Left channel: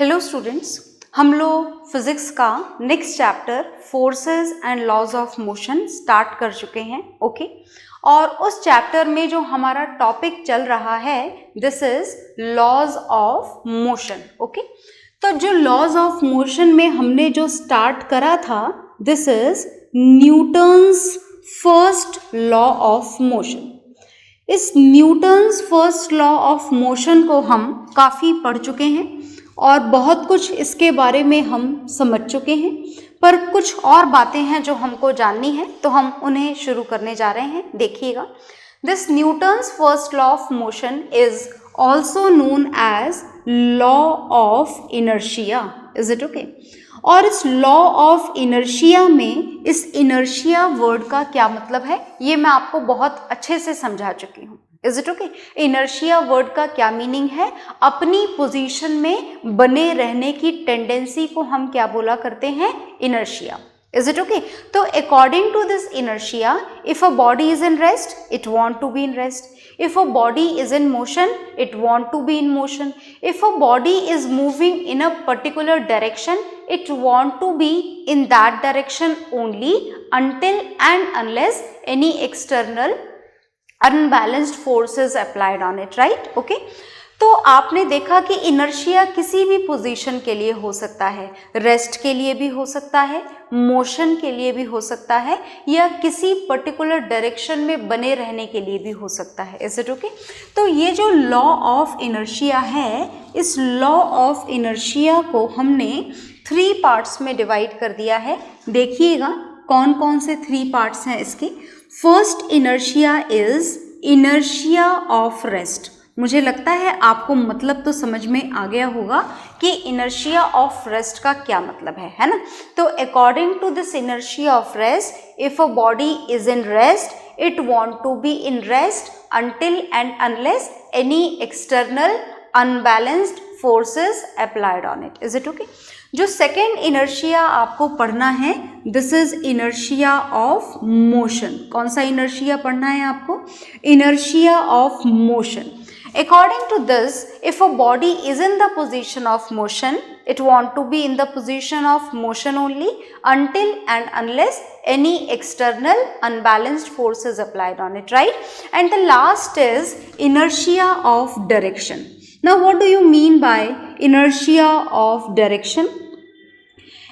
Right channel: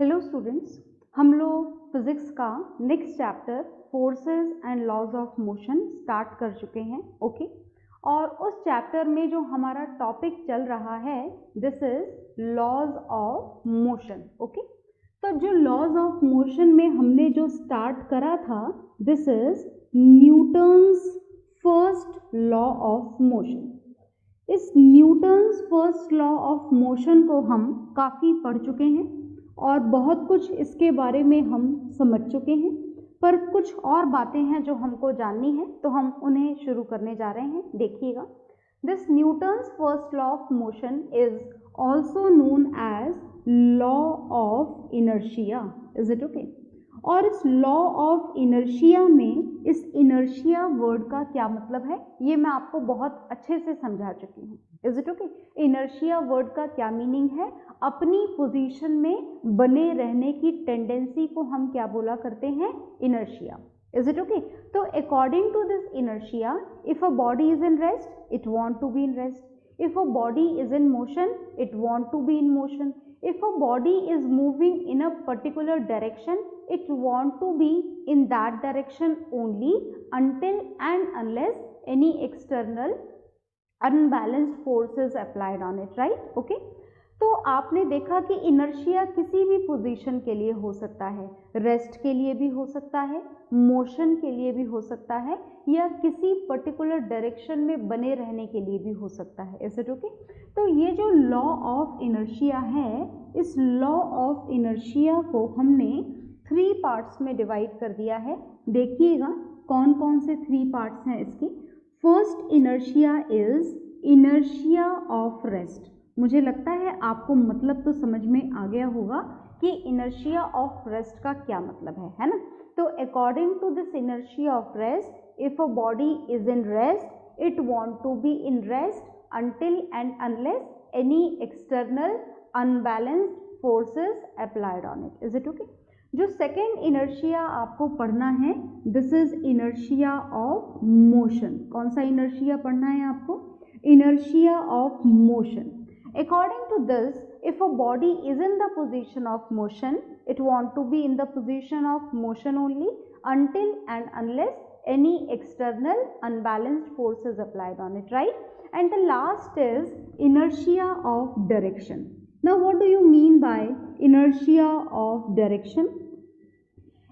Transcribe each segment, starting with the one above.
Hello students, हम लोग physics का next chapter forces and laws of motion start कर चुके हैं। ओके और उस चैप्टर में जो हमारा टॉपिक चल रहा है this is laws of motion. Okay तो जो लॉज ऑफ मोशन में हमने जो स्टार्ट करा था this is Newton's first law of motion. इस Newton's first law of motion को हम काफ़ी पढ़ चुके हैं और बहुत कुछ इसके बारे में हम समझ चुके हैं, पर कुछ और बातें हैं जो हमको जाननी है तो हम उन्हें शुरू करने जा रहे हैं। देखिएगा, this Newton's first law of motion is also known as law of inertia. Is it okay? और इस लॉ ऑफ इनर्शिया में इस इनर्शिया वर्ड का क्या मतलब है ये मैं आपको बहुत अच्छे से समझा चुकी हूँ। Is it okay? Inertia word का क्या मीनिंग है? अपनी पोजीशन में बने रहने की टेंडेंसी को हम क्या बोला करते हैं? इनर्शिया। Is it okay? तो according to this inertia, if a body is in rest, it want to be in rest. If a body is in motion, it want to be in motion. If a body is moving in a particular direction, it want to be in that direction only until and unless any external unbalanced force is applied on it, right? Okay? तो आपने देखा कि inertia किसी भी position के लिए हो सकता है, रेस्ट के लिए भी हो सकता है, मोशन के लिए भी हो सकता है, या किसी पर्टिकुलर डायरेक्शन में बने रहने के लिए भी हो सकता है। Is it okay? तो ये जो लॉ ऑफ इनर्शिया है, इस लॉ ऑफ इनर्शिया को हमने 3 पार्ट्स में डिवाइड कर दिया है। देखिएगा कौन कौन से 3 पार्ट्स हैं इसके। First inertia is inertia of rest. मुझे लगता है आपको मतलब तो समझ में आ गया होगा कि इनर्शिया ऑफ रेस्ट का क्या मतलब है ना? तो according to this inertia of rest, if a body is in rest it want to be in rest until and unless any external unbalanced forces applied on it. Is it okay? जो second inertia आपको पढ़ना है this is inertia of motion. कौन सा inertia पढ़ना है आपको? Inertia of motion. According to this, if a body is in the position of motion, it want to be in the position of motion only until and unless any external unbalanced force is applied on it, right? And the last is inertia of direction. Now, what do you mean by inertia of direction?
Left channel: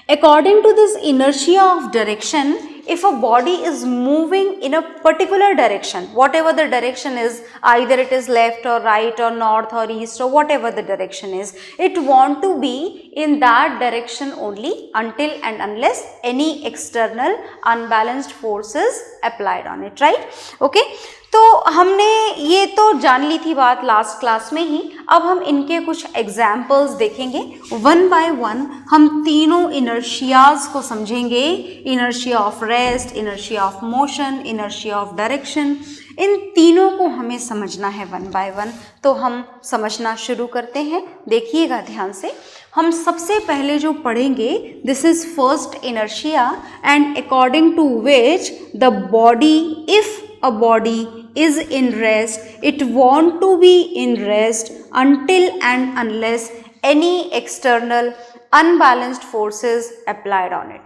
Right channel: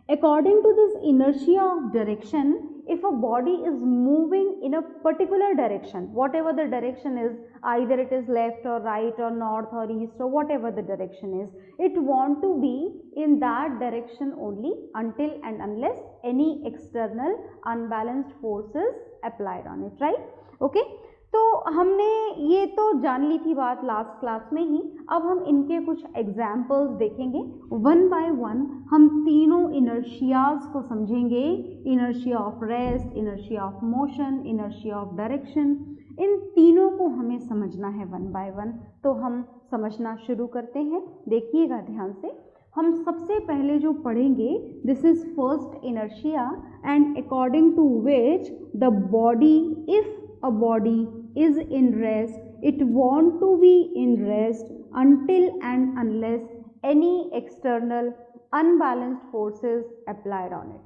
According to this inertia of direction, if a body is moving in a particular direction, whatever the direction is, either it is left or right or north or east or whatever the direction is, it want to be in that direction only until and unless any external unbalanced force is applied on it, right? Okay? तो हमने ये तो जान ली थी बात last class में ही। अब हम इनके कुछ एग्जाम्पल्स देखेंगे वन बाय वन। हम तीनों इनर्शियाज को समझेंगे, inertia of rest, inertia of motion, inertia of direction. इन तीनों को हमें समझना है वन बाय वन। तो हम समझना शुरू करते हैं। देखिएगा ध्यान से। हम सबसे पहले जो पढ़ेंगे this is first inertia and according to which the body, if a body is in rest, it want to be in rest until and unless any external unbalanced forces applied on it.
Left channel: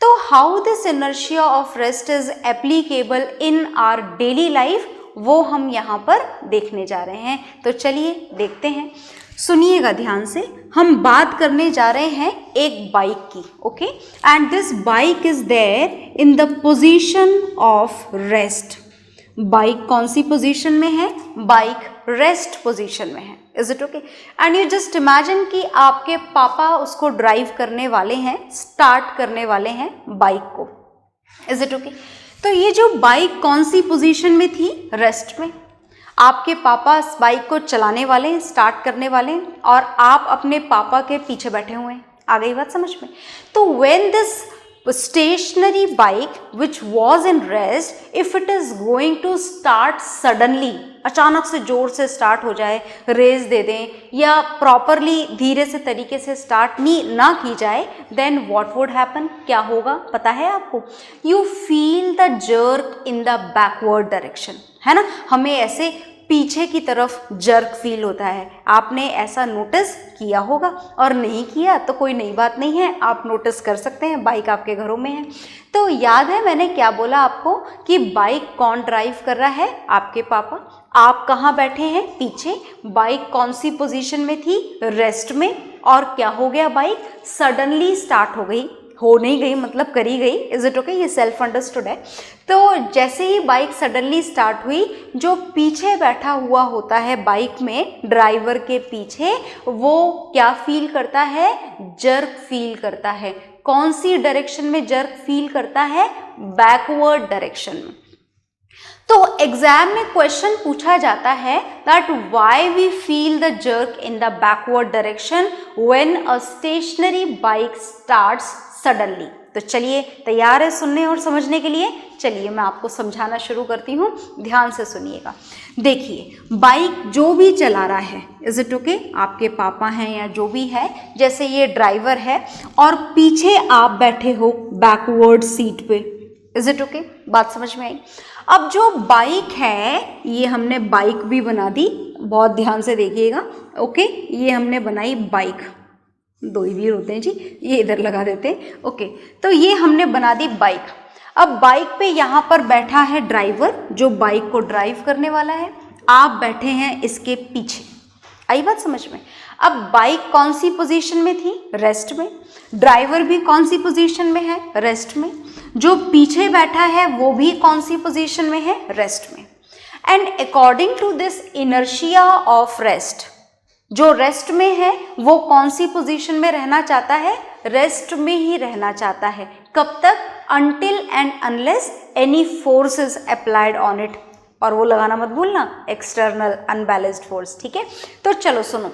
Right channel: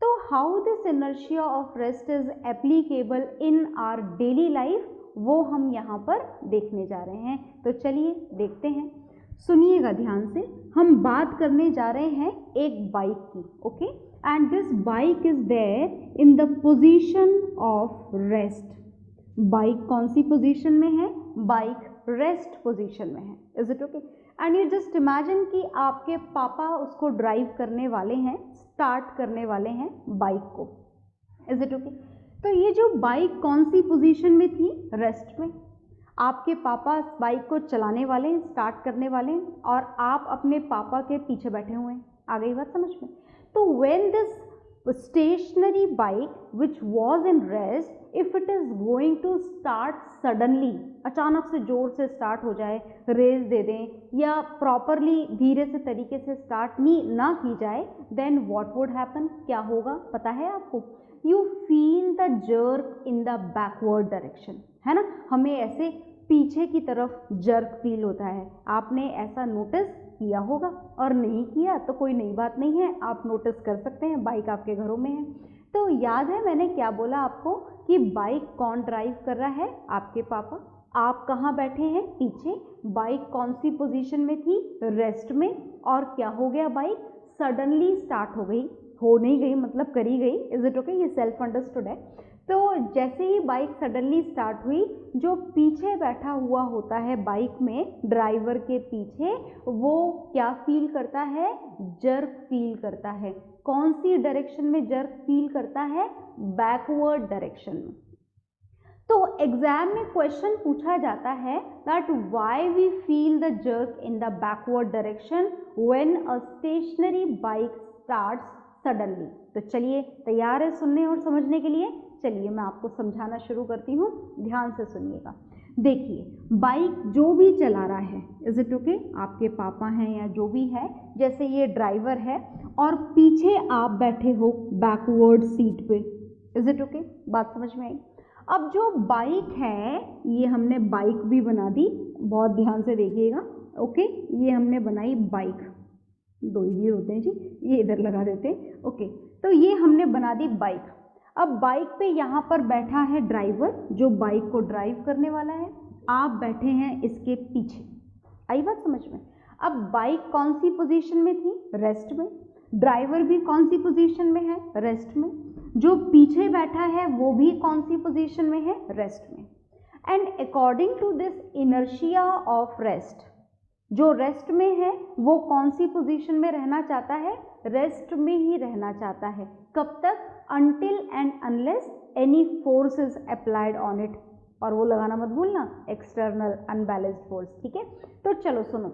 So how this inertia of rest is applicable in our daily life वो हम यहाँ पर देखने जा रहे हैं। तो चलिए देखते हैं, सुनिएगा ध्यान से। हम बात करने जा रहे हैं एक बाइक की। Okay, and this bike is there in the position of rest. Bike कौन सी पोजीशन में है? बाइक रेस्ट पोजीशन में है। Is it okay? And you just imagine कि आपके पापा उसको ड्राइव करने वाले हैं, स्टार्ट करने वाले हैं बाइक को। Is it okay? तो ये जो बाइक कौन सी पोजीशन में थी? रेस्ट में। आपके पापा इस बाइक को चलाने वाले हैं, स्टार्ट करने वाले हैं, और आप अपने पापा के पीछे बैठे हुए हैं। आ गई बात समझ में? तो when this stationary bike which was in rest, if it is going to start suddenly, अचानक से जोर से स्टार्ट हो जाए, रेस दे दें, या प्रॉपरली धीरे से तरीके से स्टार्ट ना की जाए, देन व्हाट वुड हैपन? क्या होगा पता है आपको? You feel the jerk in the backward direction, है ना? हमें ऐसे पीछे की तरफ जर्क फील होता है। आपने ऐसा नोटिस किया होगा, और नहीं किया तो कोई नई बात नहीं है, आप नोटिस कर सकते हैं, बाइक आपके घरों में है। तो याद है मैंने क्या बोला आपको कि बाइक कौन ड्राइव कर रहा है? आपके पापा। आप कहाँ बैठे हैं? पीछे। बाइक कौन सी पोजीशन में थी? रेस्ट में। और क्या हो गया? बाइक सडनली स्टार्ट हो गई, हो नहीं गई मतलब करी गई। Is it okay? ये सेल्फ अंडरस्टूड है। तो जैसे ही बाइक सडनली स्टार्ट हुई, जो पीछे बैठा हुआ होता है बाइक में, ड्राइवर के पीछे, वो क्या फील करता है? जर्क फील करता है। कौन सी डायरेक्शन में जर्क फील करता है? बैकवर्ड डायरेक्शन में। तो एग्जाम में क्वेश्चन पूछा जाता है that why we feel the jerk in the backward direction when a stationary bike starts suddenly. तो चलिए, तैयार है सुनने और समझने के लिए? चलिए मैं आपको समझाना शुरू करती हूँ, ध्यान से सुनिएगा। देखिए, बाइक जो भी चला रहा है, इज इट ओके? आपके पापा हैं या जो भी है, जैसे ये ड्राइवर है और पीछे आप बैठे हो बैकवर्ड सीट पे, इज इट ओके? बात समझ में आई? अब जो बाइक है, ये हमने बाइक भी बना दी, बहुत ध्यान से देखिएगा, ओके? ये हमने बनाई बाइक, दो ही व्हील होते हैं जी, ये इधर लगा देते हैं, ओके? तो ये हमने बना दी बाइक। अब बाइक पे यहाँ पर बैठा है ड्राइवर, जो बाइक को ड्राइव करने वाला है। आप बैठे हैं इसके पीछे। आई बात समझ में? अब बाइक कौन सी पोजीशन में थी? रेस्ट में। ड्राइवर भी कौन सी पोजीशन में है? रेस्ट में। जो पीछे बैठा है वो भी कौन सी पोजीशन में है? रेस्ट में। And according to this inertia of rest, जो रेस्ट में है वो कौन सी पोजीशन में रहना चाहता है? रेस्ट में ही रहना चाहता है। कब तक? Until and unless any force is applied on it. और वो लगाना मत भूलना, एक्सटर्नल अनबैलेंस्ड फोर्स, ठीक है? तो चलो सुनो,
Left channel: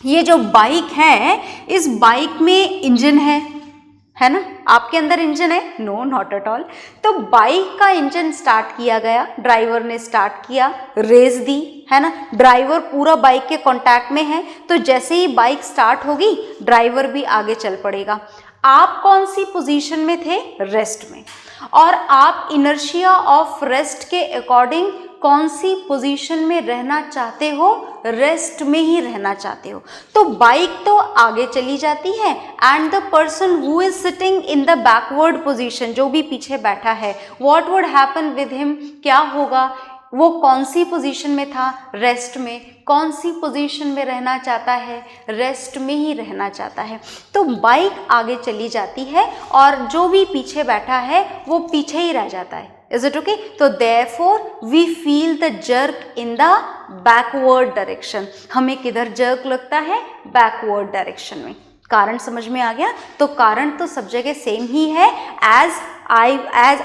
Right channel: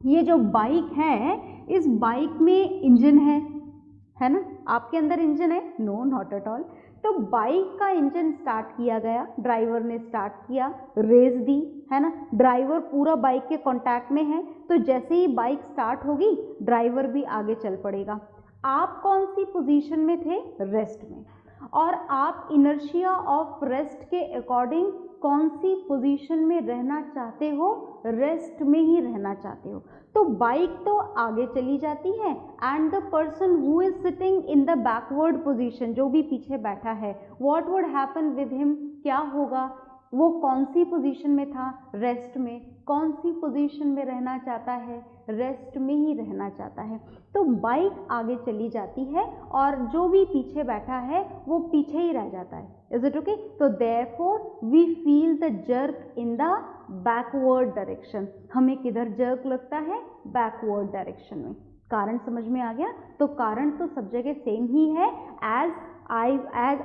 ये जो बाइक है, इस बाइक में इंजन है ना? आपके अंदर इंजन है? No, not at all. तो बाइक का इंजन स्टार्ट किया गया, ड्राइवर ने स्टार्ट किया, रेस दी, है ना? ड्राइवर पूरा बाइक के कांटेक्ट में है, तो जैसे ही बाइक स्टार्ट होगी, ड्राइवर भी आगे चल पड़ेगा। आप कौन सी पोजीशन में थे? रेस्ट में। और आप इनर्शिया ऑफ रेस्ट के अकॉर्डिंग कौन सी पोजीशन में रहना चाहते हो? रेस्ट में ही रहना चाहते हो। तो बाइक तो आगे चली जाती है, and the person who is sitting in the backward position, जो भी पीछे बैठा है, what would happen with him? क्या होगा? वो कौन सी पोजीशन में था? रेस्ट में। कौन सी पोजीशन में रहना चाहता है? रेस्ट में ही रहना चाहता है। तो बाइक आगे चली जाती है और जो भी पीछे बैठा है वो पीछे ही रह जाता है। Is it okay? तो therefore we feel the jerk in the backward direction. हमें किधर जर्क लगता है? बैकवर्ड डायरेक्शन में। कारण समझ में आ गया? तो कारण तो सब जगह सेम ही है, एज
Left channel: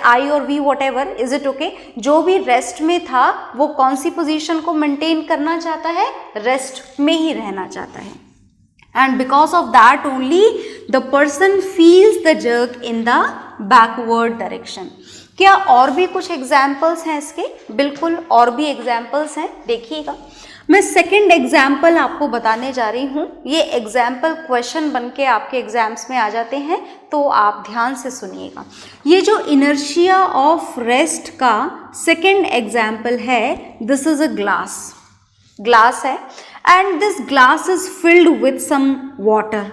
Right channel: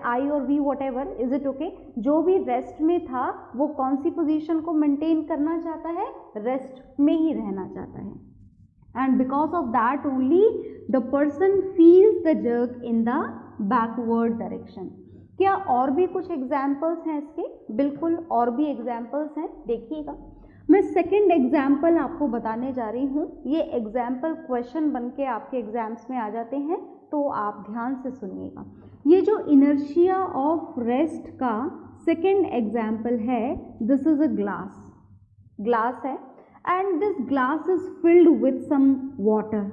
आई और we, whatever, is it okay? जो भी रेस्ट में था वो कौन सी पोजीशन को मेंटेन करना चाहता है? रेस्ट में ही रहना चाहता है। And because of that only the person feels the jerk in the backward direction. क्या और भी कुछ एग्जाम्पल्स हैं इसके? बिल्कुल, और भी एग्जाम्पल्स हैं, देखिएगा। मैं सेकंड एग्जाम्पल आपको बताने जा रही हूँ। ये एग्जाम्पल क्वेश्चन बन के आपके एग्जाम्स में आ जाते हैं, तो आप ध्यान से सुनिएगा। ये जो इनर्शिया ऑफ रेस्ट का सेकंड एग्जाम्पल है, दिस इज अ ग्लास है, and this glass is filled with some water.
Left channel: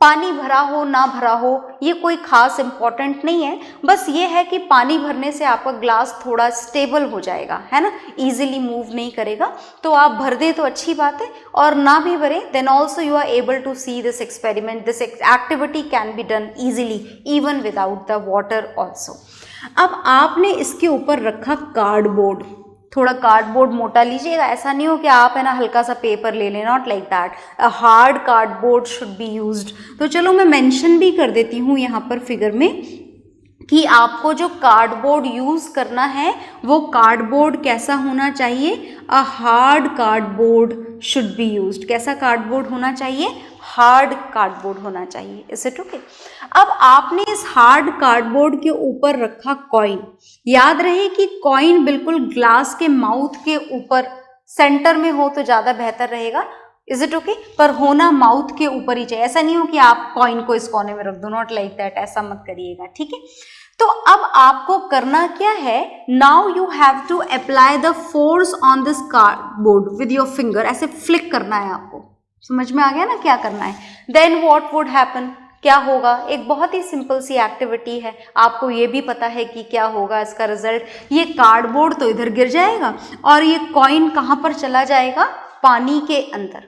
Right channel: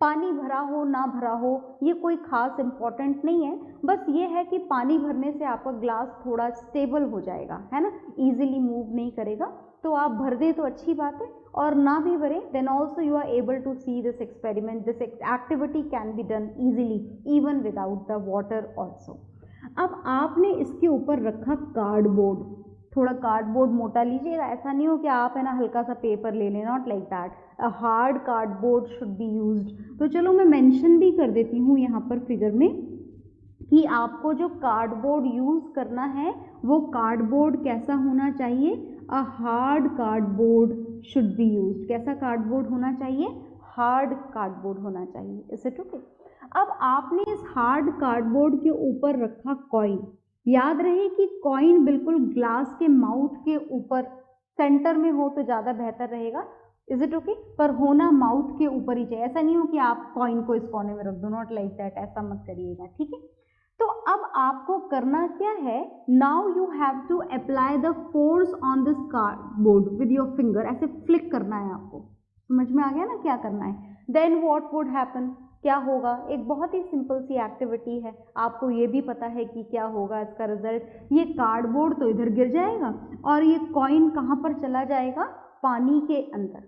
पानी भरा हो ना भरा हो ये कोई खास इम्पॉर्टेंट नहीं है, बस ये है कि पानी भरने से आपका ग्लास थोड़ा स्टेबल हो जाएगा, है ना? इजीली मूव नहीं करेगा। तो आप भर दें तो अच्छी बात है, और ना भी भरे then also you are able to see this experiment, this activity can be done easily even without the water also. अब आपने इसके ऊपर रखा कार्डबोर्ड। थोड़ा कार्डबोर्ड मोटा लीजिएगा, ऐसा नहीं हो कि आप है ना हल्का सा पेपर ले लें, not like that. A hard cardboard should be used. तो चलो मैं मेंशन भी कर देती हूँ यहाँ पर फिगर में कि आपको जो कार्डबोर्ड यूज़ करना है वो कार्डबोर्ड कैसा होना चाहिए? A hard cardboard should be used. कैसा कार्डबोर्ड होना चाहिए? हार्ड कार्डबोर्ड होना चाहिए। Is it okay? अब आपने इस हार्ड कार्डबोर्ड के ऊपर रखा कॉइन। याद रहे कि कॉइन बिल्कुल ग्लास के माउथ के ऊपर सेंटर में हो तो ज़्यादा बेहतर रहेगा। Is it okay? पर होना माउथ के ऊपर ही चाहिए, ऐसा नहीं हो कि आप कॉइन को इस कोने में रख दो, नॉट लाइक दैट, ऐसा मत करिएगा, ठीक है? तो अब आपको करना क्या है, now you have to apply the force on this cardboard with your finger, ऐसे फ्लिक करना है आपको, समझ में आ गया ना क्या करना है? देन व्हाट वुड हैपन, क्या होगा? एक बहुत ही सिंपल सी एक्टिविटी है, आपको ये भी पता है कि क्या होगा इसका रिजल्ट, ये कार्डबोर्ड तो इधर गिर जाएगा और ये कॉइन कहाँ पर चला जाएगा? पानी के अंदर।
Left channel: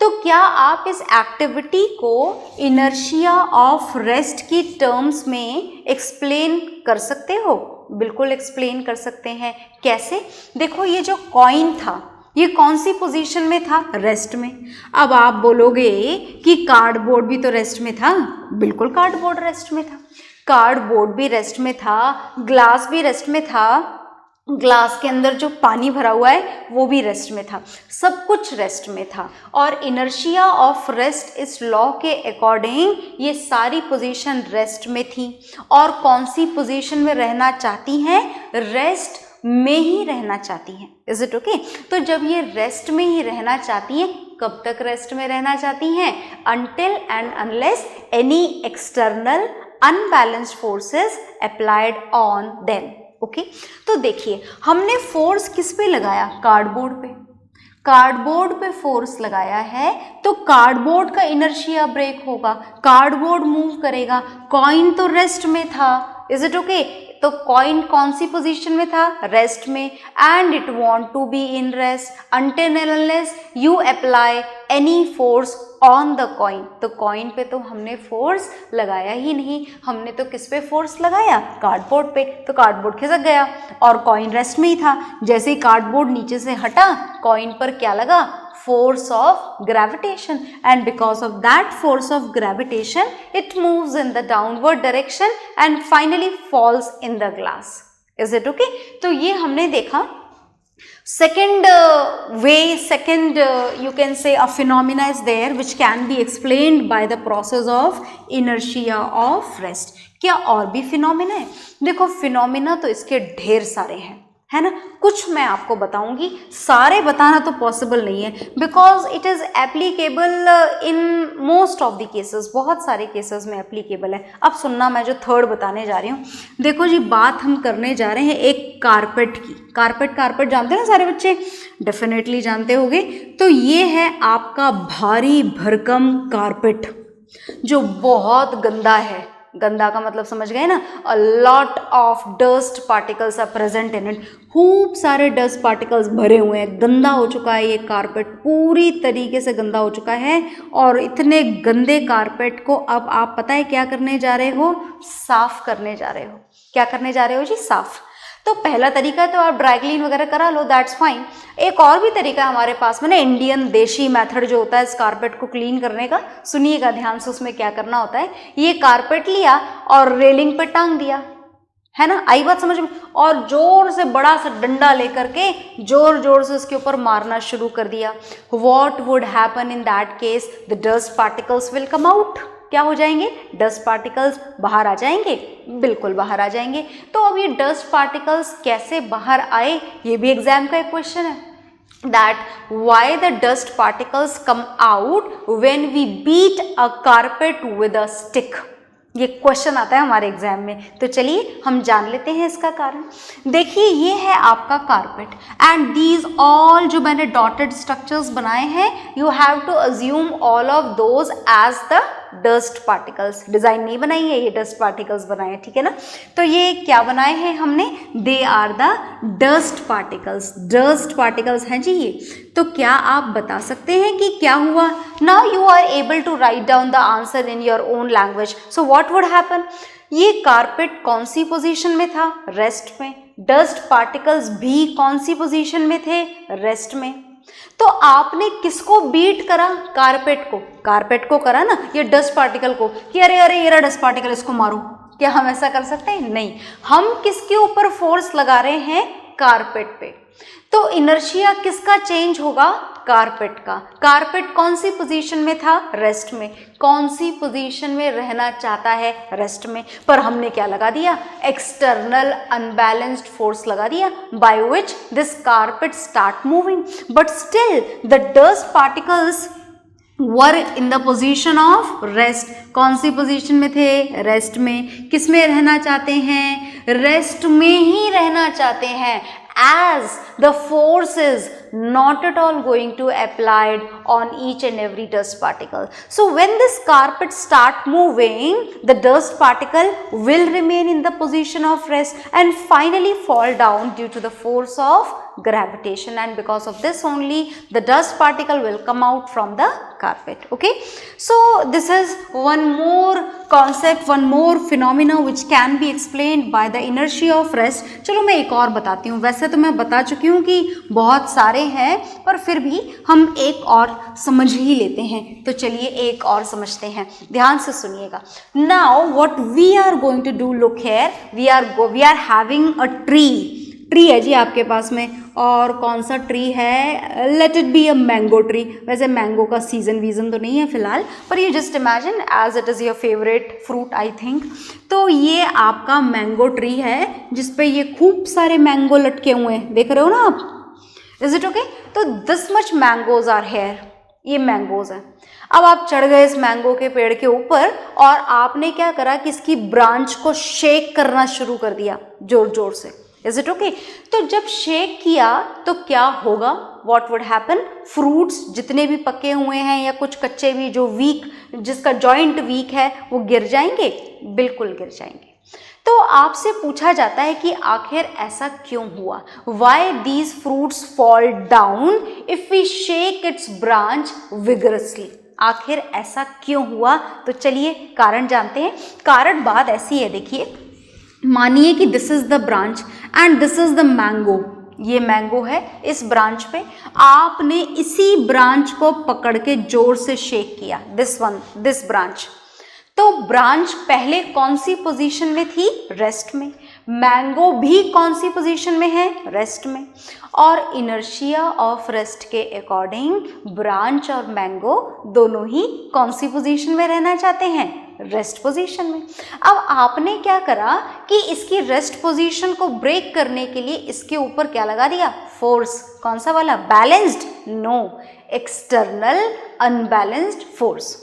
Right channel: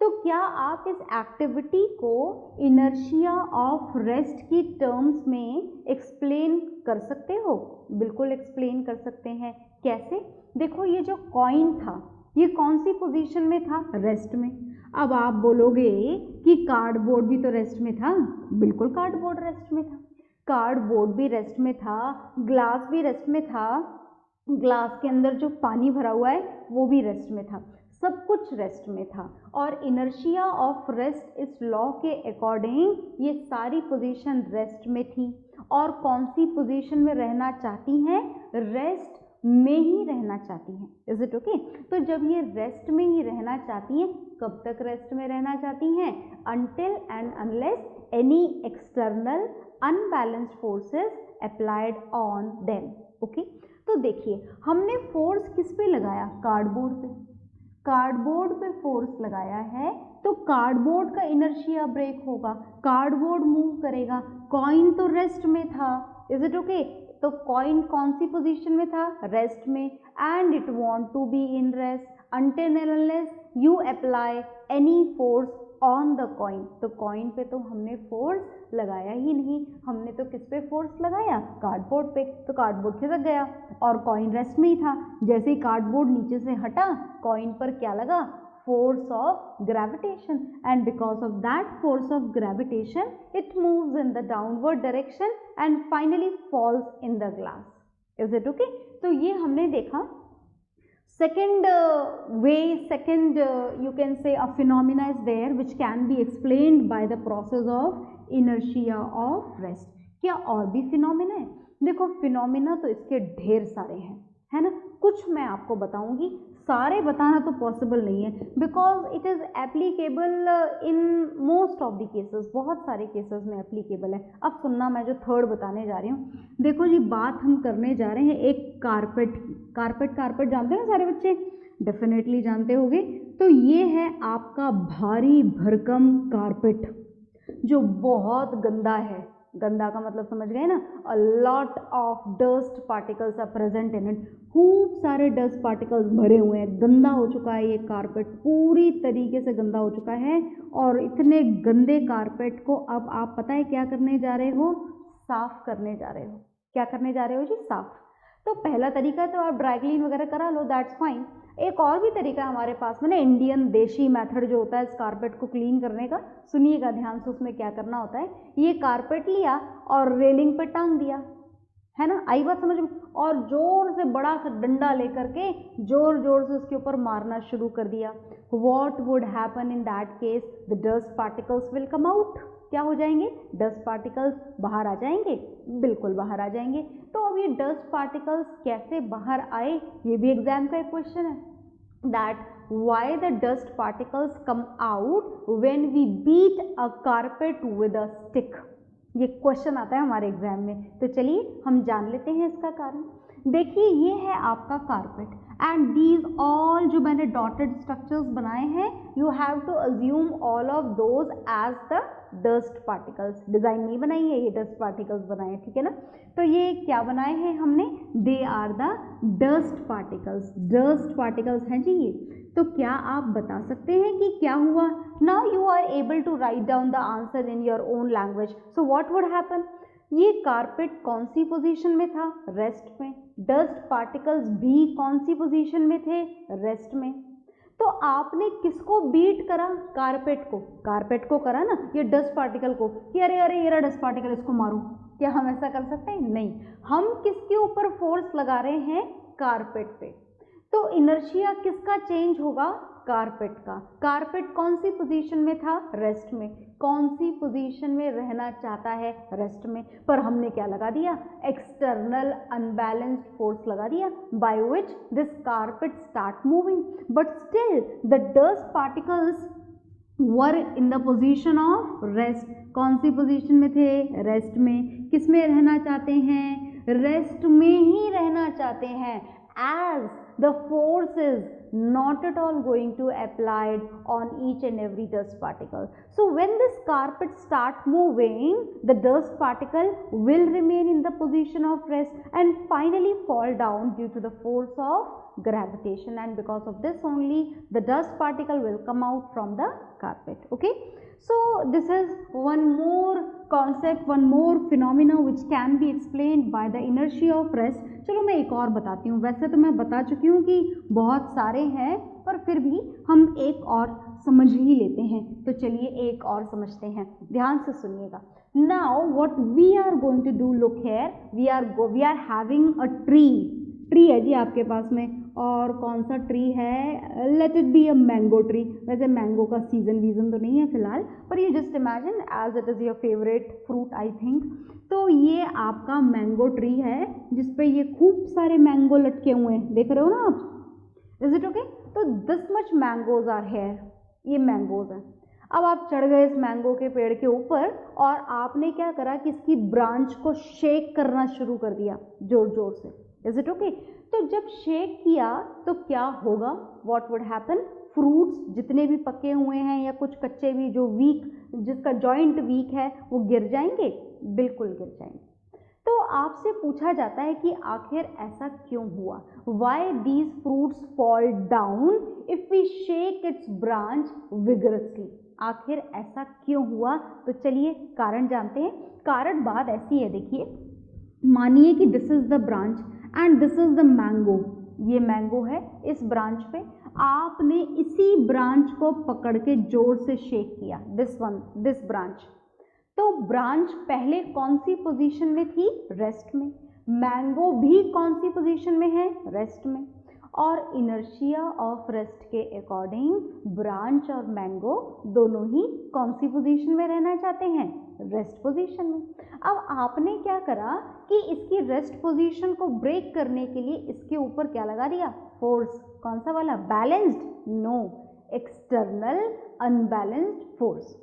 तो क्या आप इस एक्टिविटी को इनर्शिया ऑफ रेस्ट की टर्म्स में एक्सप्लेन कर सकते हो? बिल्कुल एक्सप्लेन कर सकते हैं। कैसे? देखो, ये जो कॉइन था ये कौन सी पोजीशन में था? रेस्ट में। अब आप बोलोगे कि कार्डबोर्ड भी तो रेस्ट में था, बिल्कुल कार्डबोर्ड रेस्ट में था, कार्डबोर्ड भी रेस्ट में था, ग्लास भी रेस्ट में था, ग्लास के अंदर जो पानी भरा हुआ है वो भी रेस्ट में था, सब कुछ रेस्ट में था। और इनर्शिया ऑफ रेस्ट इस लॉ के अकॉर्डिंग ये सारी पोजीशन रेस्ट में थी। और कौन सी पोजीशन में रहना चाहती हैं? रेस्ट में ही रहना चाहती हैं। Is it okay? तो जब ये रेस्ट में ही रहना चाहती हैं, कब तक रेस्ट में रहना चाहती हैं? Until and unless any external unbalanced forces applied on them. Okay, तो देखिए हमने फोर्स किस पे लगाया? कार्डबोर्ड पे। कार्डबोर्ड पे फोर्स लगाया है तो कार्डबोर्ड का इनर्शिया ब्रेक होगा, कार्डबोर्ड मूव करेगा, कॉइन तो रेस्ट में था। Is it okay? तो कॉइन कौन सी पोजीशन में था? रेस्ट में। And it want to be in rest until and unless you apply any force on the coin. तो कॉइन पे तो हमने फोर्स लगाया ही नहीं, हमने तो किस पे फोर्स लगाया? कार्डबोर्ड पे। तो कार्डबोर्ड खिसक गया और कॉइन रेस्ट में ही था। जैसे ही कार्डबोर्ड नीचे से हटा, कॉइन पर क्या लगा? force of gravitation, and because of that force of gravitation it moves in the downward direction and finally falls in the glass. Is it okay? तो ये हमने देखा second way, second you can say a phenomena is there which can be explained by the process of inertia of rest. क्या और भी phenomena है? देखो phenomena तो इसके ढेर सारे हैं, है ना? कुछ मैं आपको बताऊंगी, सारे बताना तो पॉसिबल नहीं है because it is applicable in most of the cases, बहुत सारे केसेस में एप्लीकेबल है। अब सुनना, मैं जो थर्ड बताने जा रही हूँ, देखो जी बात हम करने जा रहे हैं एक कारपेट की। कारपेट जानते हैं ना सारे बच्चे? डेफिनेटली जानते होंगे। तो ये है आपका भारी भरकम कारपेट जो बहुत गंदा है। गंदा का मतलब समझ गए ना? A lot of dust particles are present in it. खूब सारे डस्ट पार्टिकल्स भरे हुए हैं, गंदा हो चुका है ये कारपेट, पूरी तरीके से गंदा हो चुका है। और इतने गंदे कारपेट को अब आप पता है क्या करने जा रहे हो? साफ करने जा रहे हो। क्या करने जा रहे हो जी? साफ। तो पहला तरीका तो आप ड्राई क्लीन वगैरह करा लो, दैट्स फाइन। एक और भी तरीका हमारे पास में ना, इंडियन देशी मेथड जो होता है इस कारपेट को क्लीन करने का, सुनिएगा ध्यान से। उसमें क्या करना होता है, ये कारपेट लिया और रेलिंग पे टांग दिया, है ना? आई बात समझ में? और जोर से बड़ा सा डंडा लेकर के जोर जोर से उसके ऊपर मारना शुरू कर दिया। What would happen in that case? The dust particles will come out. क्या हो जाएंगे? डस्ट पार्टिकल्स बाहर आ जाएंगे, बिल्कुल बाहर आ जाएंगे। तो अब ये डस्ट पार्टिकल्स कैसे बाहर आए, ये भी एग्जाम का एक क्वेश्चन है। That why the dust particles come out when we beat a carpet with a stick? ये क्वेश्चन आता है हमारे एग्जाम में। तो चलिए हम जान लेते हैं इसका कारण। देखिए ये है आपका कारपेट एंड दीज ऑल जो मैंने डॉटेड स्ट्रक्चर्स बनाए हैं, you have to assume all of those as the dust particles. Design नहीं बनाई है, ये डस्ट पार्टिकल्स बनाए हैं, ठीक है ना? तो ये क्या बनाए हैं हमने? They are the dust particles. Dust particles हैं जी ये। तो क्या आप बता सकते हैं कि क्या हुआ? Now you are able to write down the answer in your own language. So what would happen? ये कारपेट कौन सी पोजीशन में था? रेस्ट में। डस्ट पार्टिकल्स भी कौन सी पोजीशन में थे? रेस्ट में। तो आपने किसको बीट करा? कारपेट को करा ना, ये डस्ट पार्टिकल को, कि अरे अरे ये रहा डस्ट पार्टिकल, इसको मारो। क्या हम ऐसा कर सकते हैं? नहीं। हम किसके ऊपर फोर्स लगा रहे हैं? कारपेट पे। तो इनर्शिया किसका चेंज होगा? कारपेट का। कारपेट कौन सी पोजीशन में था? रेस्ट में। कौन सी पोजीशन में रहना चाहता है? रेस्ट में। पर हमने क्या लगा दिया? एक्सटर्नल अनबैलेंस्ड फोर्स लगा दिया, by which this carpet start moving, but still the dust particles were in the position of rest. कौन सी पोजीशन में थे? रेस्ट में। किस में रहना चाहते हैं? रेस्ट में ही रहना चाहते हैं, as the force is not at all going to applied on each and every dust particle. So when this carpet start moving, the dust particle will remain in the position of rest and finally fall down due to the force of gravitation, and because of this only the dust particle will come out from the carpet. Okay, so this is one more concept, one more phenomena which can be explained by the inertia of rest. चलो मैं एक और बताती हूँ, वैसे तो मैं बता चुकी हूँ कि बहुत सारे हैं, पर फिर भी हम एक और समझ ही लेते हैं। तो चलिए एक और समझते हैं, ध्यान से सुनिएगा। Now what we are going to do, look here, we are having a tree है जी आपके पास में, और कौन सा ट्री है? Let it be a mango tree. वैसे मैंगो का सीजन तो नहीं है फिलहाल, पर you just imagine as it is your favourite fruit I think. तो ये आपका मैंगो ट्री है जिसपे ये खूब सारे मैंगो लटके हुए हैं, देख रहे हो ना आप? Is it okay? तो this much mangoes are here, ये मैंगोज हैं। अब आप चढ़ गए इस मैंगो के पेड़ के ऊपर और आपने क्या करा कि इसकी ब्रांच को शेक करना शुरू कर दिया जोर जोर से। Is it okay? तो जब शेक किया तो क्या होगा? What would happen? फ्रूट्स जितने भी पके हुए हैं या कुछ कच्चे भी, जो वीक, जिसका जॉइंट वीक है, वो गिर जाएंगे, बिल्कुल गिर जाएंगे। तो आपसे पूछा जाता है कि आखिर ऐसा क्यों हुआ? Why these fruits fall down if we shake its branch vigorously? आखिर ऐसा क्यों हुआ? तो चलिए कारण जानते हैं। कारण बात ऐसी है, देखिए, मानिए कि this is the branch and this is the mango. ये मैंगो है, इस ब्रांच पे आपने इसी ब्रांच को पकड़ के जोर से शेक किया, दिस ब्रांच। तो ब्रांच पहले कौन सी पोजीशन में थी? रेस्ट में। मैंगो भी कौन सी पोजीशन में है? रेस्ट में। और इनर्शिया ऑफ रेस्ट के अकॉर्डिंग ब्रांच और मैंगो दोनों ही कौन सी पोजीशन में रहना चाहते हैं? रेस्ट पोजीशन में। अब आपने क्या करा कि इसकी रेस्ट पोजीशन को ब्रेक करने के लिए इसके ऊपर क्या लगा दिया? फोर्स। कौन सा वाला? Balanced? No, external unbalanced force.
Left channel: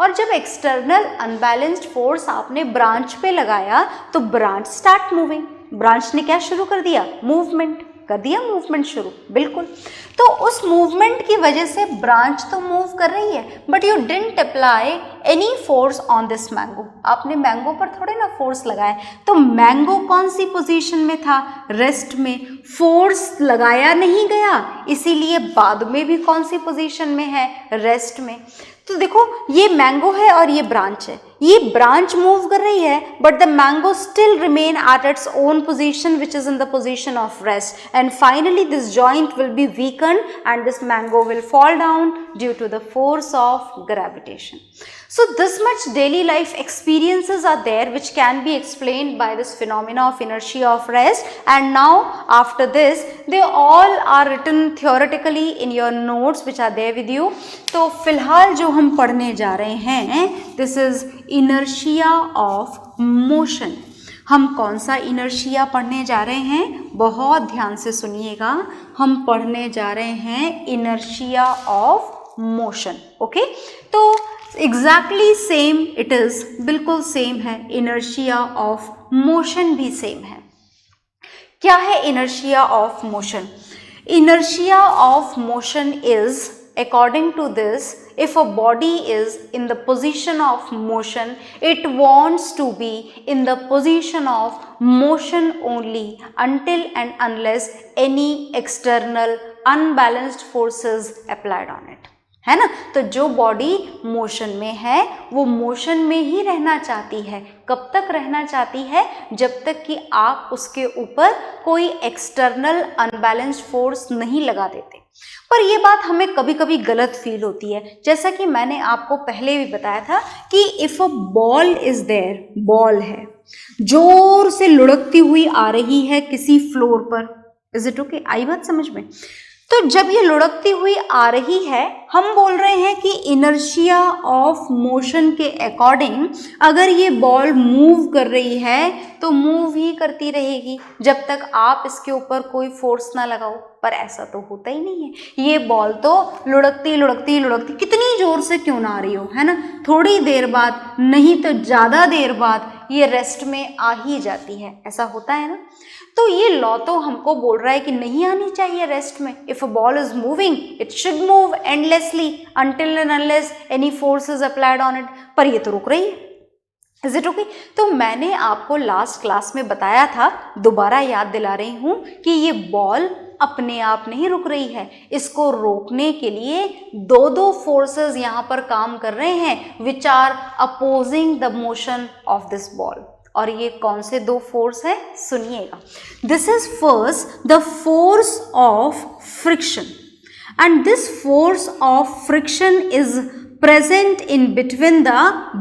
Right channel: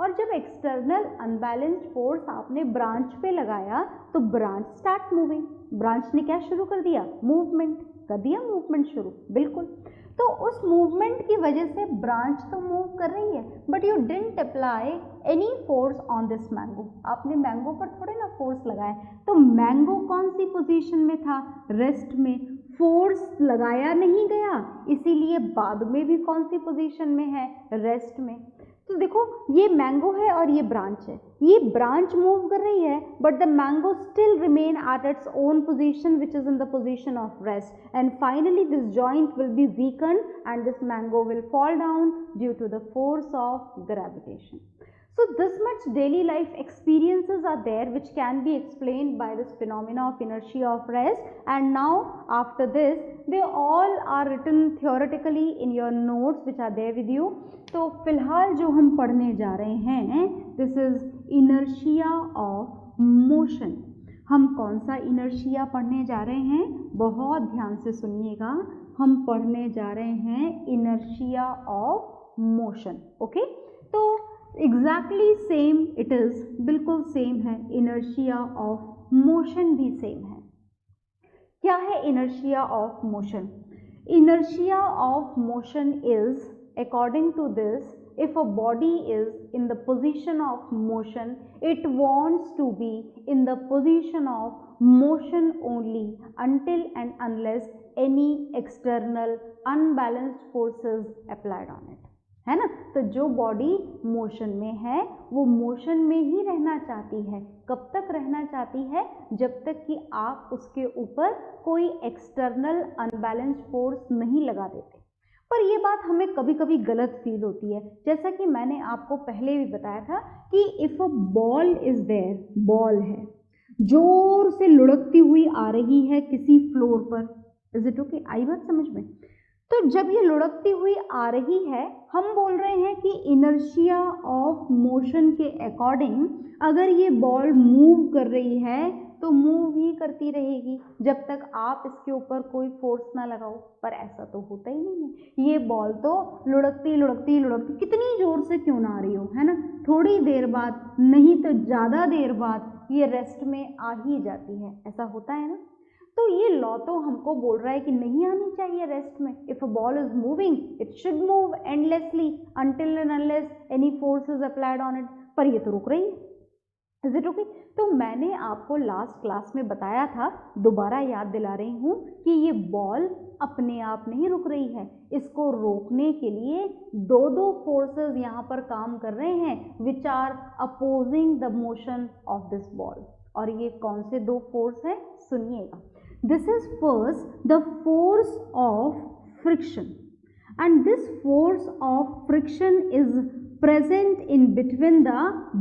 और जब एक्सटर्नल अनबैलेंस्ड फोर्स आपने ब्रांच पे लगाया तो ब्रांच स्टार्ट मूविंग। ब्रांच ने क्या शुरू कर दिया? मूवमेंट कर दिया, मूवमेंट शुरू, बिल्कुल। तो उस मूवमेंट की वजह से ब्रांच तो मूव कर रही है, but you didn't apply any force on this mango. आपने मैंगो पर थोड़े ना फोर्स लगाया। तो मैंगो कौन सी पोजीशन में था? रेस्ट में। फोर्स लगाया नहीं गया, इसीलिए बाद में भी कौन सी पोजीशन में है? रेस्ट में। तो देखो, ये मैंगो है और ये ब्रांच है। ये ब्रांच मूव कर रही है, but the mango still remain at its own position which is in the position of rest, and finally this joint will be weaken and this mango will fall down due to the force of gravitation. So this much daily life experiences are there which can be explained by this phenomena of inertia of rest, and now after this they all are written theoretically in your notes which are there with you. तो फिलहाल जो हम पढ़ने जा रहे हैं, this is inertia of motion. हम कौन सा इनर्शिया पढ़ने जा रहे हैं? बहुत ध्यान से सुनिएगा। हम पढ़ने जा रहे हैं इनर्शिया ऑफ मोशन। ओके, तो एग्जैक्टली सेम इट इज, बिल्कुल सेम है। इनर्शिया ऑफ मोशन भी सेम है। क्या है inertia of motion? Inertia of motion is, according to this, if a body is in the position of motion, it wants to be in the position of motion only until and unless any external unbalanced forces applied on it. है ना? तो जो body motion में है वो motion में ही रहना चाहती है। कब तक रहना चाहती है? जब तक कि आप उसके ऊपर कोई एक्सटर्नल अनबैलेंस्ड फोर्स नहीं लगा देते। पर ये बात हमें कभी कभी गलत फील होती है, जैसा कि मैंने आपको पहले भी बताया था कि if a ball is there, ball है, जोर से लुढ़कती हुई आ रही है किसी फ्लोर पर। Is it okay? आई बात समझ में? तो जब ये लुढ़कती हुई आ रही है, हम बोल रहे हैं कि इनर्शिया ऑफ मोशन के अकॉर्डिंग अगर ये बॉल मूव कर रही है तो मूव ही करती रहेगी जब तक आप इसके ऊपर कोई फोर्स ना लगाओ। पर ऐसा तो होता ही नहीं है। ये बॉल तो लुढ़कती लुढ़कती लुढ़कती कितनी जोर से क्यों ना आ रही हो, है ना, थोड़ी देर बाद नहीं तो ज़्यादा देर बाद ये रेस्ट में आ ही जाती है। ऐसा होता है ना। तो ये लॉ तो हमको बोल रहा है कि नहीं आनी चाहिए रेस्ट में। If a ball is moving it should move endlessly until and unless any force is applied on it. पर ये तो रुक रही है। Is it okay? तो मैंने आपको लास्ट क्लास में बताया था, दोबारा याद दिला रही हूँ कि ये बॉल अपने आप नहीं रुक रही है। इसको रोकने के लिए दो फोर्सेस यहाँ पर काम कर रहे हैं which are opposing the motion of this ball. और ये कौन से दो फोर्स है सुनिएगा। This is first the force of friction and this force of friction is present in between the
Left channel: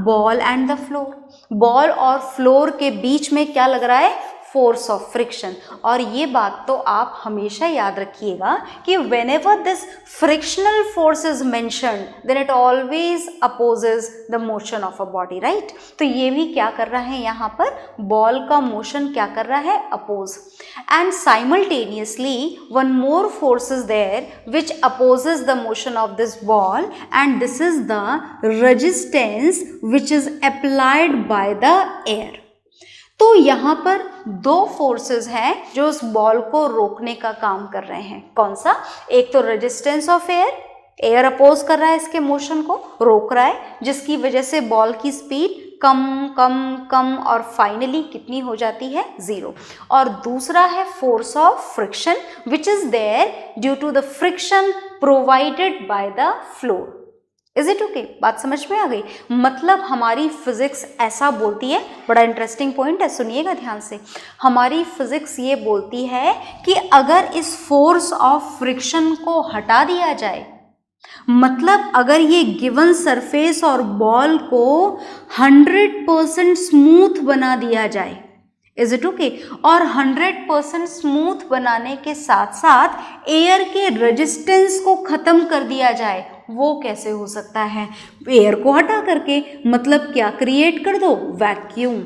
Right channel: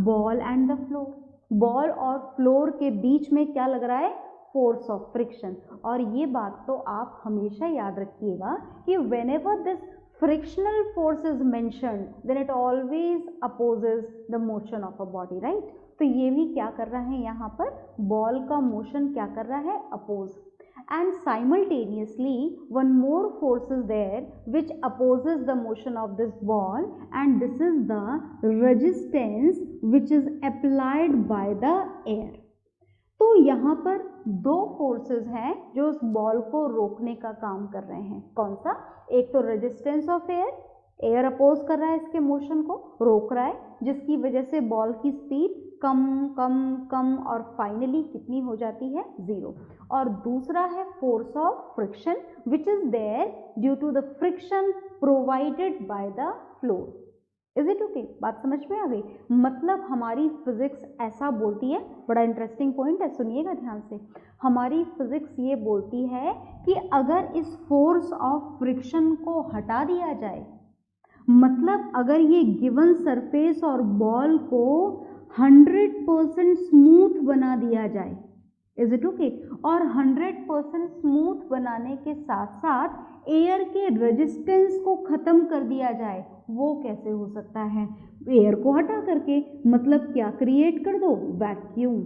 ball and the floor. Ball और floor के बीच में क्या लग रहा है? Force of friction. और ये बात तो आप हमेशा याद रखिएगा कि whenever this frictional force is mentioned then it always opposes the motion of a body, right? तो ये भी क्या कर रहा है यहाँ पर? बॉल का मोशन क्या कर रहा है? Oppose. and simultaneously one more force is there which opposes the motion of this ball and this is the resistance which is applied by the air। तो यहाँ पर दो फोर्सेस हैं जो उस बॉल को रोकने का काम कर रहे हैं। कौन सा? एक तो resistance of air, air oppose कर रहा है इसके मोशन को, रोक रहा है, जिसकी वजह से बॉल की स्पीड कम कम कम और फाइनली कितनी हो जाती है? 0। और दूसरा है force of friction which is there due to the friction provided by the floor. Is it okay? बात समझ में आ गई? मतलब हमारी फिजिक्स ऐसा बोलती है, बड़ा इंटरेस्टिंग पॉइंट है, सुनिएगा ध्यान से। हमारी फिजिक्स ये बोलती है कि अगर इस फोर्स ऑफ फ्रिक्शन को हटा दिया जाए, मतलब अगर ये गिवन सरफेस और बॉल को 100% स्मूथ बना दिया जाए, इज इट ओके, और 100% स्मूथ बनाने के साथ साथ एयर के रेजिस्टेंस को खत्म कर दिया जाए, वो कैसे हो सकता है? एयर को हटा करके, मतलब क्या क्रिएट कर दो? वैक्यूम।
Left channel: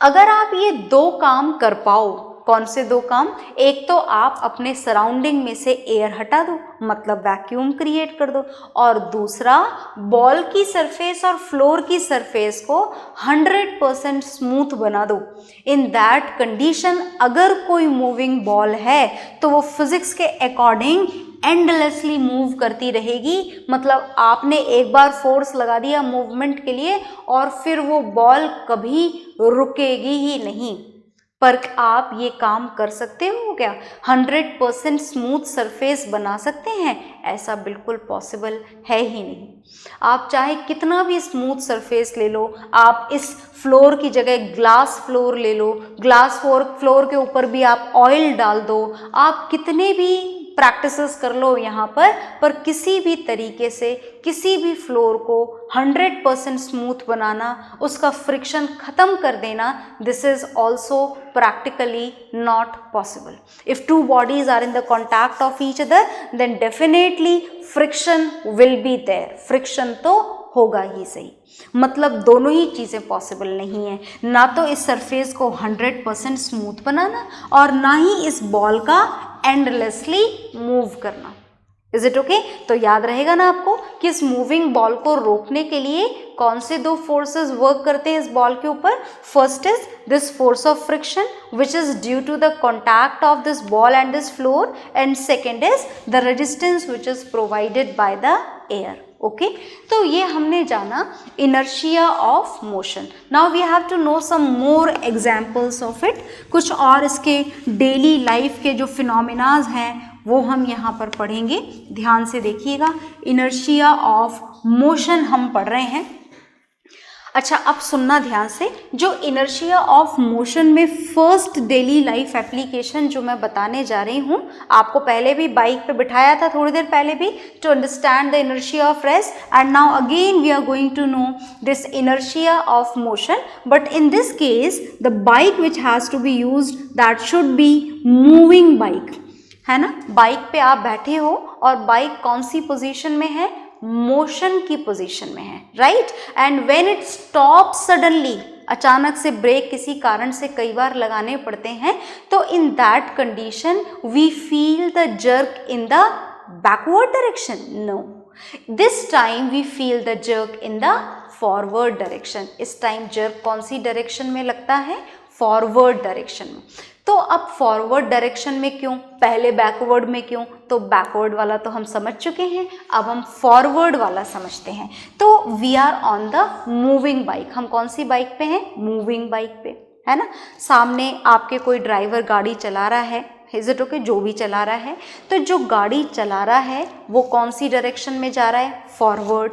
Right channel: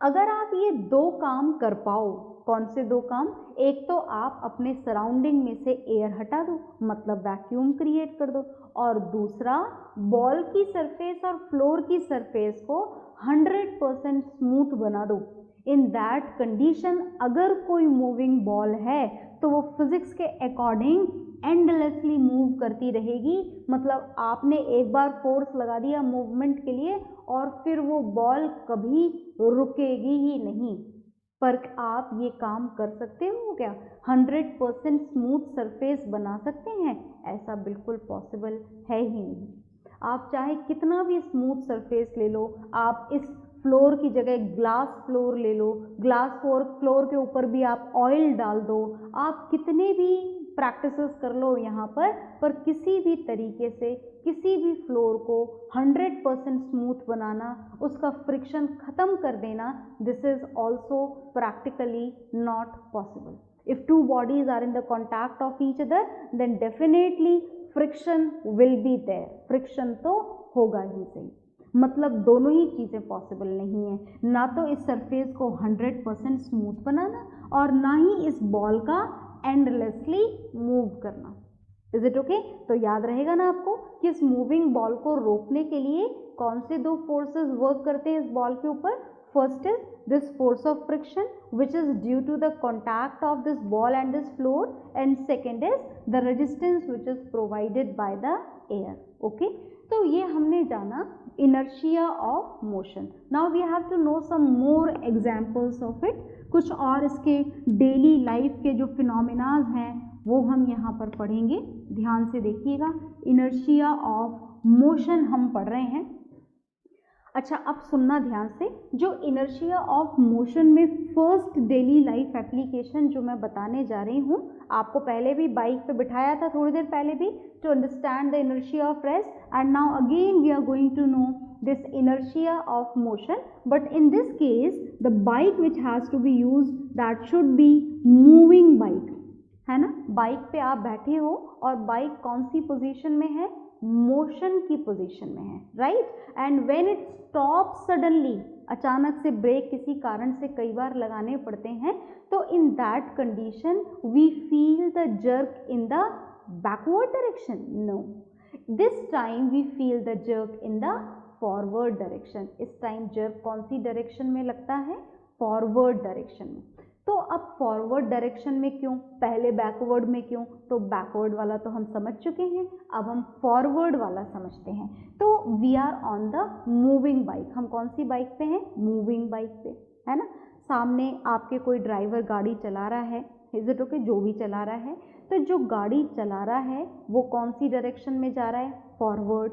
अगर आप ये दो काम कर पाओ, कौन से दो काम? एक तो आप अपने सराउंडिंग में से एयर हटा दो, मतलब वैक्यूम क्रिएट कर दो, और दूसरा बॉल की सरफेस और फ्लोर की सरफेस को 100% स्मूथ बना दो। इन दैट कंडीशन अगर कोई मूविंग बॉल है तो वो फिजिक्स के अकॉर्डिंग एंडलेसली मूव करती रहेगी। मतलब आपने एक बार फोर्स लगा दिया मूवमेंट के लिए और फिर वो बॉल कभी रुकेगी ही नहीं। पर आप ये काम कर सकते हो क्या? 100% स्मूथ सरफेस बना सकते हैं? ऐसा बिल्कुल पॉसिबल है ही नहीं। आप चाहे कितना भी स्मूथ सरफेस ले लो, आप इस फ्लोर की जगह ग्लास फ्लोर ले लो, ग्लास फ्लोर के ऊपर भी आप ऑयल डाल दो, आप कितने भी प्रैक्टिसेस कर लो यहाँ पर किसी भी तरीके से किसी भी फ्लोर को 100% स्मूथ बनाना, उसका फ्रिक्शन ख़त्म कर देना, this is also practically not possible. If two bodies are in the contact of each other then definitely friction will be there. Friction तो होगा ही सही। मतलब दोनों ही चीज़ें पॉसिबल नहीं है, ना तो इस सरफेस को 100% स्मूथ बनाना और ना ही इस बॉल का एंडलेसली मूव करना। Is it okay? तो याद रहेगा ना आपको कि इस मूविंग बॉल को रोकने के लिए कौन से दो फोर्सेस वर्क करते हैं इस बॉल के ऊपर? First is this force of friction which is due to the contact of this ball and this floor, and second is the resistance which is provided by the air. Okay, तो ये हमने जाना inertia of motion. Now we have to know some more examples of it. कुछ और इसके daily life के जो phenomenas हैं वो हम यहाँ पर पढ़ेंगे। ध्यान से देखिएगा, इनर्शिया ऑफ मोशन हम पढ़ रहे हैं। अच्छा, अब सुनना ध्यान से, जो इनर्शिया ऑफ मोशन में फर्स्ट डेली लाइफ एप्लीकेशन जो मैं बताने जा रही हूँ, आपको पहले भी बाइक पे बिठाया था थोड़ी देर पहले भी, to understand the inertia of rest, and now again we are going to know this inertia of motion, but in this case the bike which has to be used that should be moving bike. है ना, bike पे आप बैठे हो और bike कौन सी position में है, मोशन की पोजीशन में है, right. And when it stop suddenly, अचानक से ब्रेक किसी कारण से कई बार लगाने पड़ते हैं, तो in that condition we feel the jerk in the backward direction, no, this time we feel the jerk in the forward direction. इस टाइम जर्क कौन सी डायरेक्शन में लगता है, फॉरवर्ड डायरेक्शन में। तो अब फॉरवर्ड डायरेक्शन में क्यों, पहले बैकवर्ड में क्यों, तो बैकवर्ड वाला तो हम समझ चुके हैं, अब हम फॉरवर्ड वाला समझते हैं। तो we are on the moving bike, हम कौन सी बाइक पे हैं, मूविंग बाइक पे, है ना। सामने आपके कोई ड्राइवर गाड़ी चला रहा है, इज इट ओके, जो भी चला रहा है, तो जो गाड़ी चला रहा है वो कौन सी डायरेक्शन में जा रहा है, फॉरवर्ड।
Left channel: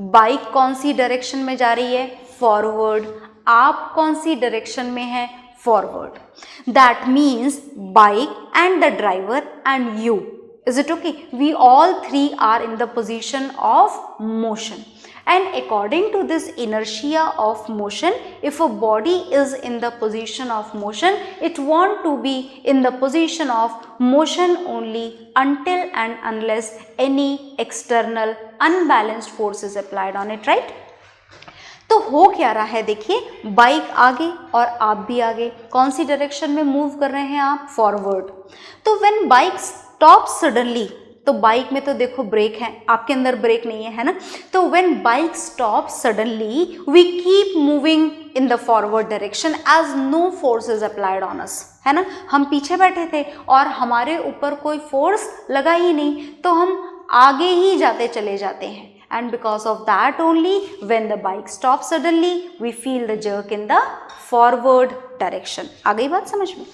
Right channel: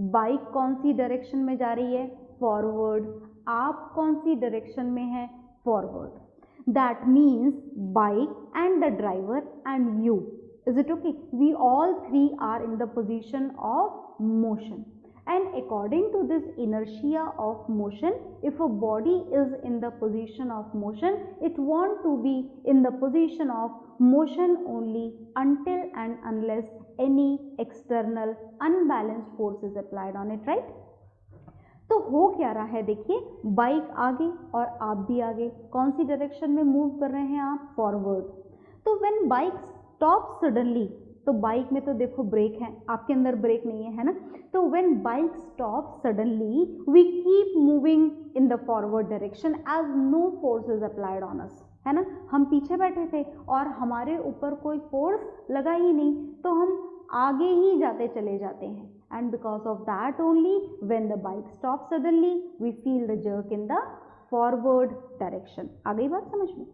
बाइक कौन सी डायरेक्शन में जा रही है, फॉरवर्ड। आप कौन सी डायरेक्शन में है, forward. That means bike and the driver and you, is it okay, we all three are in the position of motion. And according to this inertia of motion, if a body is in the position of motion, it want to be in the position of motion only until and unless any external unbalanced force is applied on it, right? तो हो क्या रहा है, देखिए bike आगे और आप भी आगे, कौन सी डायरेक्शन में मूव कर रहे हैं आप, फॉरवर्ड। तो व्हेन बाइक स्टॉप सडनली, तो बाइक में तो देखो ब्रेक है, आपके अंदर ब्रेक नहीं है, है ना। तो when bike stop suddenly we keep moving in the forward direction as no force is applied on us, है ना। हम पीछे बैठे थे और हमारे ऊपर कोई फोर्स लगा ही नहीं, तो हम आगे ही जाते चले जाते हैं। And because of that only, when the bike stops suddenly, we feel the jerk in the forward direction. आ गई बात समझ में।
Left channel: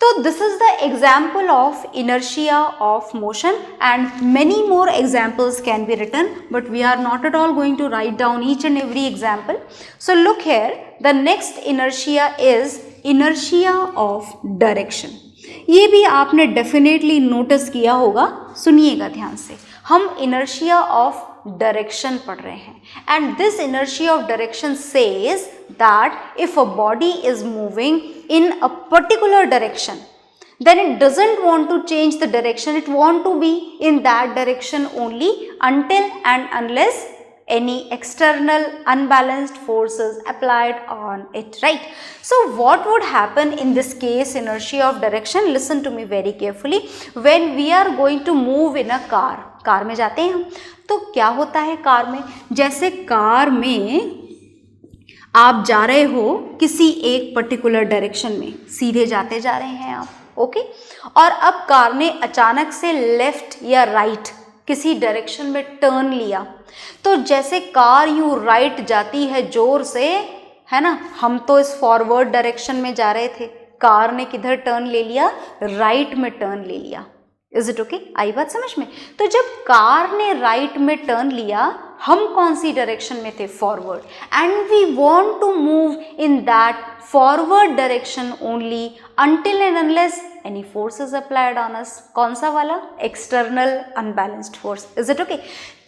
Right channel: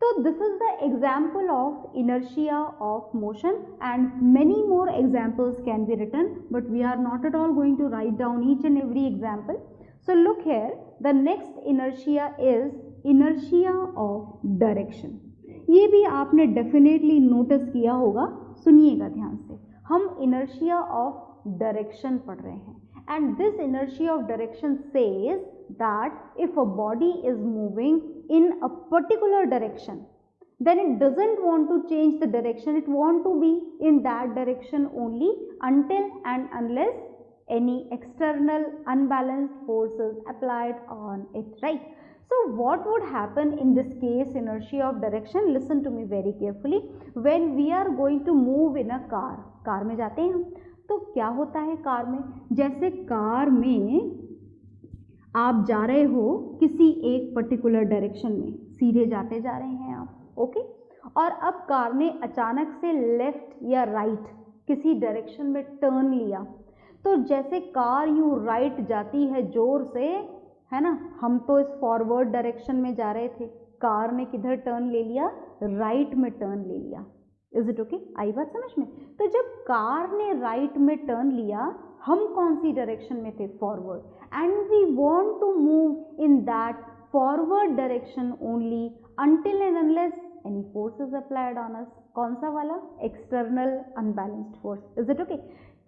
तो this is the example of inertia of motion, and many more examples can be written, but we are not at all going to write down each and every example. So look here, the next inertia is inertia of direction. ये भी आपने definitely notice किया होगा, सुनिएगा ध्यान से। हम inertia of direction पढ़ रहे हैं, and this inertia of direction says that if a body is moving in a particular direction, then it doesn't want to change the direction, it want to be in that direction only until and unless any external unbalanced forces applied on it, right? So what would happen in this case, inertia of direction? Listen to me very carefully. When we are going to move in a car, car में जाते हैं हम, तो क्या होता है car में, जैसे कार में आप जा रहे हो किसी एक पर्टिकुलर डायरेक्शन में, सीधे जाते जा रहे हैं आप, ओके, और अब कार ने अचानक से लेफ्ट या राइट किसी डायरेक्शन में टर्न लिया, तो जैसे कार यूँ राइट जाती है जोर से, है ना, हम तो इस फॉरवर्ड डायरेक्शन में जा रहे थे, कार ने किधर टर्न ले लिया, राइट में टर्न ले लिया। इज इट ओके, आई बात समझ में। तो जब कार ने राइट में टर्न लिया, हम कौन सी डायरेक्शन में थे, forward, and we want to move in that forward direction only until and unless any force is applied on us. कौन सा वाला, external unbalanced force, is it okay?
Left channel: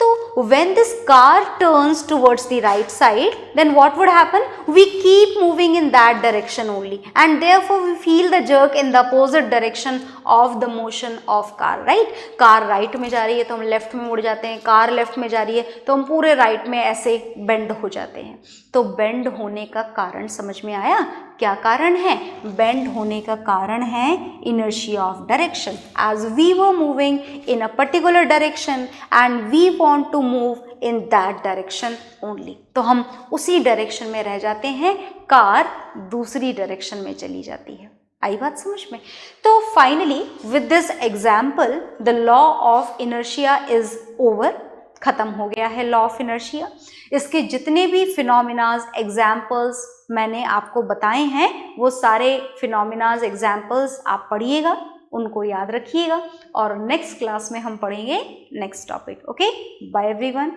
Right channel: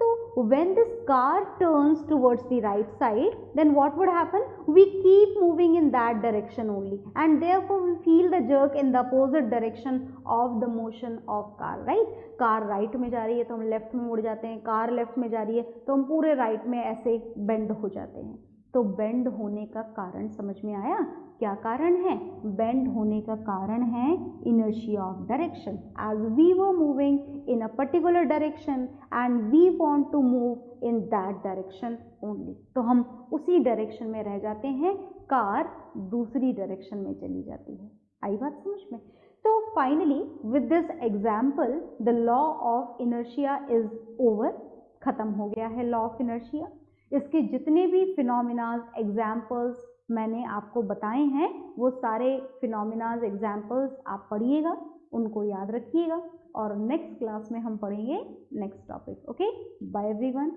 तो when this car turns towards the right side, then what would happen, we keep moving in that direction only, and therefore we feel the jerk in the opposite direction of the motion of car, right? Car right में जा रही है तो हम left में मुड़ जाते हैं, कार लेफ्ट में जा रही है तो हम पूरे राइट में ऐसे बेंड हो जाते हैं। तो बेंड होने का कारण समझ में आया, क्या कारण है, बेंड होने का कारण है inertia of direction, as we were moving in a particular direction and we want to move in that direction only, तो हम उसी डायरेक्शन में रह जाते हैं, कार दूसरी डायरेक्शन में चली जाती है। आई बात समझ में। तो finally with this example the law of inertia is over, खत्म हो गया है लॉ ऑफ इनर्शिया। इसके जितने भी फिनोमिनाज एग्जाम्पल्स मैंने आपको बताए हैं, वो सारे फिनोमिनाज एग्जाम्पल्स आप पढ़िएगा, उनको याद रखिएगा, और नेक्स्ट क्लास में हम पढ़ेंगे next topic. Okay, bye everyone.